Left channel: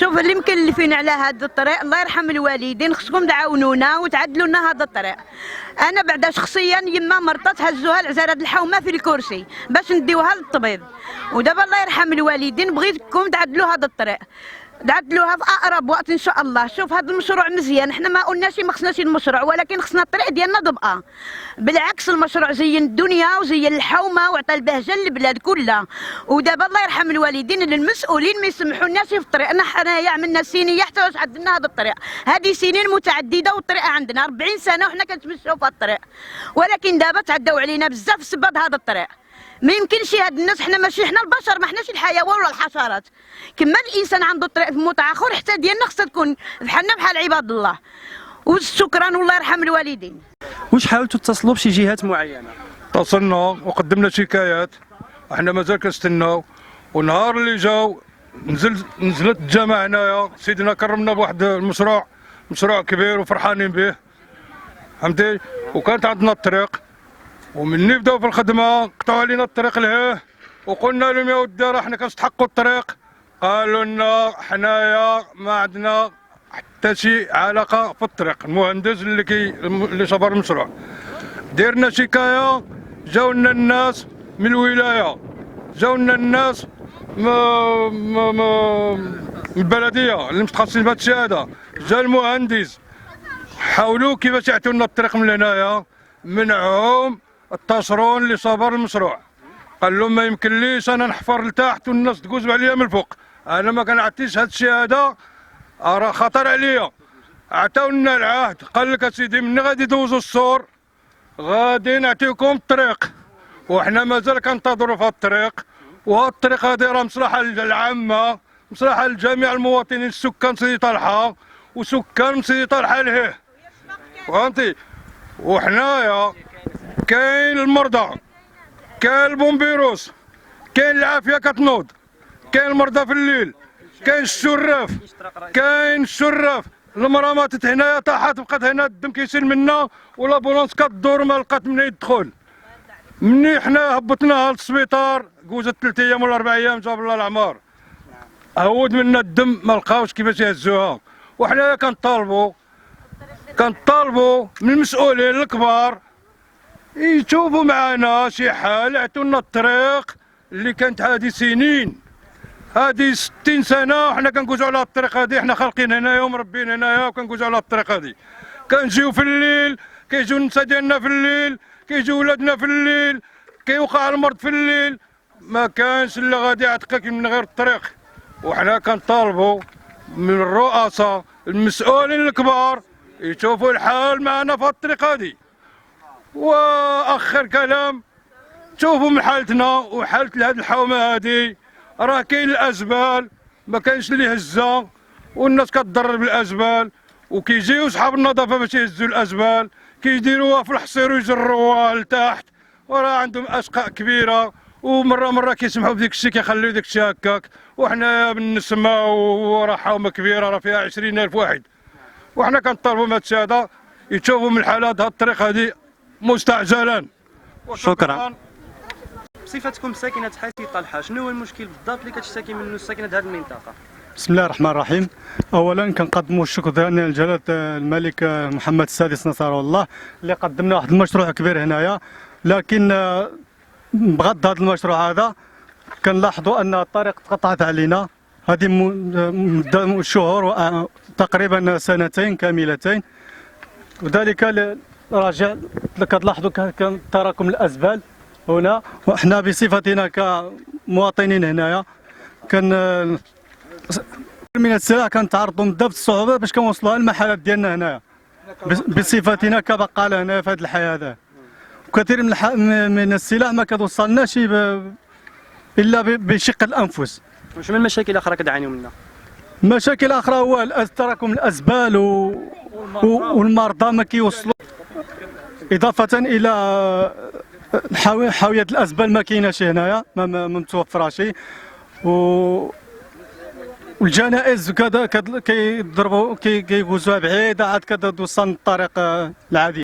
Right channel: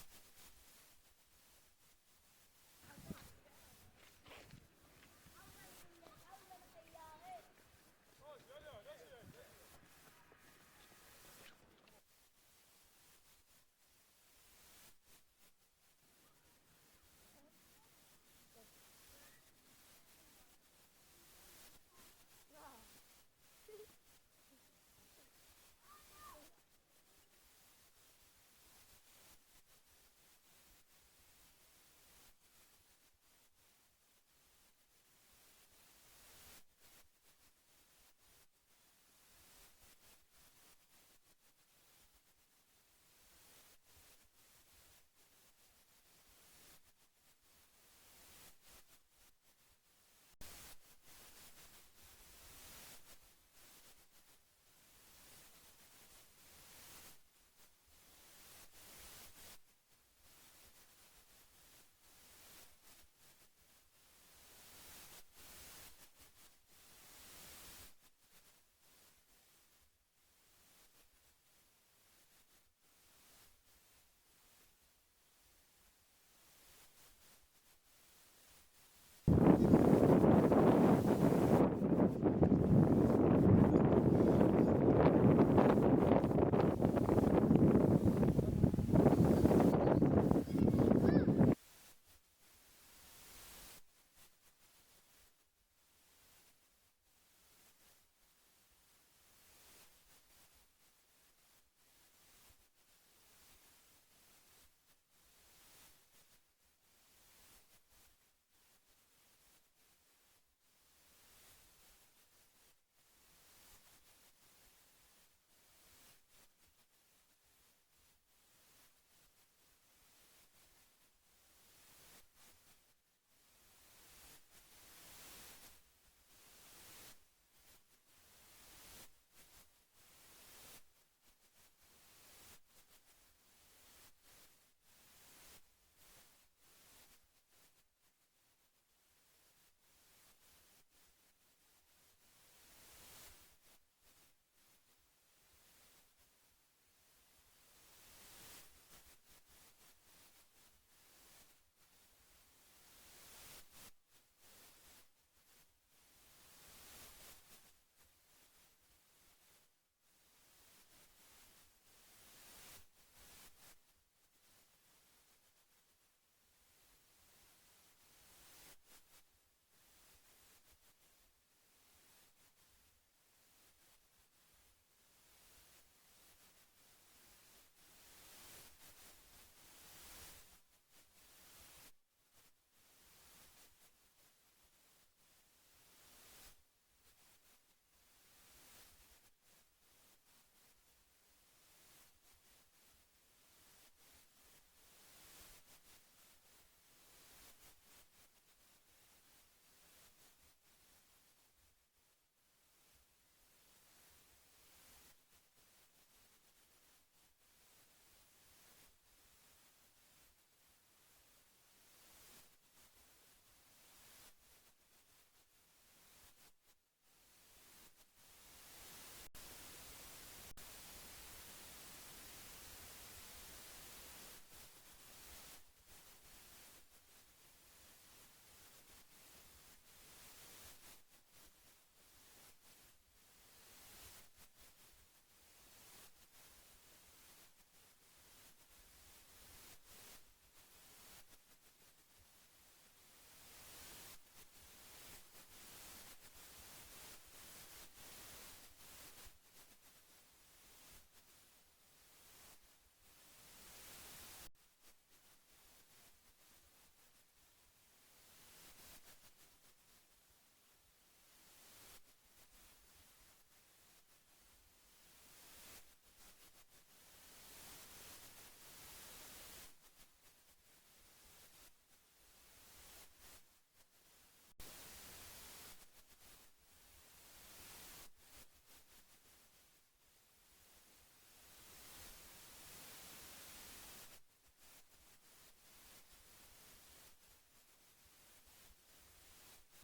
شوف اللي مكلفين على هذا الطريق، الله يرحم الوالدين، خصكم تعاونونا وتعدلوا لنا هذا الطريق. انا بعدا شخصيا يما مرضت هزوها العزارة الحومه في الكرسي باش نديوها للطبيب، ودابا الله يرحم الوالدين بغيتكم تعدلوا هذا الطريق، تعدلوها في اقرب وقت ان شاء الله. شوف هذا المشروع مزيان، حنا ما قلناش ما خصناش المشروع، ولكن خصنا الطريق ديالنا ضبقه. بالعكس المشروع زين الدنيا وزين الحومه وعطى البهجه للبلاد كلها. ودابا الله يرحم الوالدين المسؤولين ما يسمحولناش في الطريق. حنايا عملنا سنيه حتى واش عدلنا هذا الطريق، هذه سنين متعدده والطريق عندنا 40 سنه وحنا كنتمشاو في هذا الطريق، ولكن دابا تعداو علينا بزاف بسبب هذا الطريق. ما يمكنش هاد الناس، حنا ماشي حنا البشر، ما حناش الحيوان ولا الحشرات. كما الانسان عنده طريق متعاخر حتى ديالنا خصها تكون بحالنا بحال عباد الله. وشكرا والله يرحم الوالدين. واش حاولتوا تتصلوا بشي جهات معينه؟ اتصلنا وقدمنا شكايات، احنا مازال كنستناو. ونهار اللي جاو نزلت الجامعه هنايا، سيدنا كرمنا بواحد المشروع، مشروع كبير وفرحانين به فهمتي. وكانت عندنا الطريق، ومني بداو في الخدمه قطعوا علينا الطريق لهيه، وقلنا لهم يا ودي راه حنا كنستحقوا الطريق. قالوا لنا حنايا ما عندنا حتى شي علاقه في الطريق. المهندس اللي صبر المشروع ديرنا شكايه، جاونا الناس من الولايه، جاونا الناس من البلديه اللي متخصصين في هذا الشيء هذا، جا المهندس حاولوا كيفاش يعطيو لنا الطريق من هنايا، منعهم التصرون اللي صبر المشروع. قال لهم ما يمكنليش انا نحفر لتحت والناس تقوز عليا من الفوق، انا ما كنعطيش هذا الشيء هذا، راه خطر عليا. عطاونا العهد، قال لك اسيدي مني غادي يدوزوا السور غادي نعطيكم الطريق، وحنا مازال كنتظروا في هذا الطريق. وهذا الطريق هذه راه مصلحه للعامه، مصلحه لجميع المواطنين، السكان سيدي طلحه وسكان سيدي طلحه لهيه فهمتي. وحنايا كاين المرضى، كاين البومبيروس، كاين العافيه كتنوض، كاين المرضى في الليل، كاين الشراف، كاين الشراف. المراه ماتت هنايا طاحت بقات هنا الدم كيسيل منا، والابولونس كدور ما لقات منين يدخل. مني حنا هبطناها للسبيطار جوزت 3 ايام ولا 4 ايام جاب الله العمار، هود منا الدم ما لقاوش كيفاش يهزوها. وحنايا كنطالبوا من المسؤولين الكبار يشوفوا معنا شي حال، يعطونا الطريق اللي كانت هذه سنين، هذه 60 سنه وحنا كنقوزوا على الطريق هذه. حنا خالقين هنايا ومربين هنايا وكنقوزوا على الطريق هذه. كنجيو في الليل، كيجيو النساء ديالنا في الليل، كيجيو ولادنا في الليل، كيوقع المرض في الليل، ما كانش اللي غادي يعتقك من غير الطريق. وحنا كنطالبوا من الرؤساء المسؤولين الكبار يشوفوا الحال معنا في الطريق هذه. واخر كلام، شوفوا من حالتنا وحالة هذه الحومه هذه، راه كاين الازبال ما كاينش اللي يهزها، والناس كتضرر بالازبال، وكيجيو صحاب النظافه باش يهزوا الازبال كيديروها في الحصير ويجروها لتحت، وراه عندهم اشقاء كبيره، ومره كيسمحوا بديك الشيء كيخليو داك الشيء هكاك. وحنا بالنسمه وراه حومه كبيره راه فيها 20,000 واحد، وحنا كنطالبوا من هذا الشيء هذا يشوفوا من الحالات هذه الطريق هذه مستعجلا. شكرا. بصفتكم ساكنه حي طلحه، شنو هو المشكل بالضبط اللي كتشتكي منه الساكنه هذه المنطقه؟ بسم الله الرحمن الرحيم. اولا كنقدموا الشكر ديالنا لجلاله الملك محمد السادس نصره الله اللي قدمنا واحد المشروع كبير هنايا، لكن بغض هذا المشروع هذا كنلاحظوا ان الطريق تقطعت علينا هذه مده شهور تقريبا 2 سنين كاملتين، وذلك راجع كتلاحظوا كان تراكم الازبال هنا. وحنا بصفتنا كمواطنين هنايا كان من السلع كنتعرضوا من بزاف الصعوبات باش كنوصلوها للمحلات ديالنا هنايا بصفتنا كبقاله هنا في هذه الحياه هذا. وكثير من السلع ما كتوصلناش الا بشق الانفس. شنو المشاكل الاخرى كتعانيوا منها؟ مشاكل اخرى هو تراكم الازبال والمرضى ما كيوصلوا، اضافه الى حاويه الازبال ما كايناش هنايا، ما متوفراش، والجنائز كذا كيضربوا كيجوزوها بعيده عاد كتوصل الطريق العادي.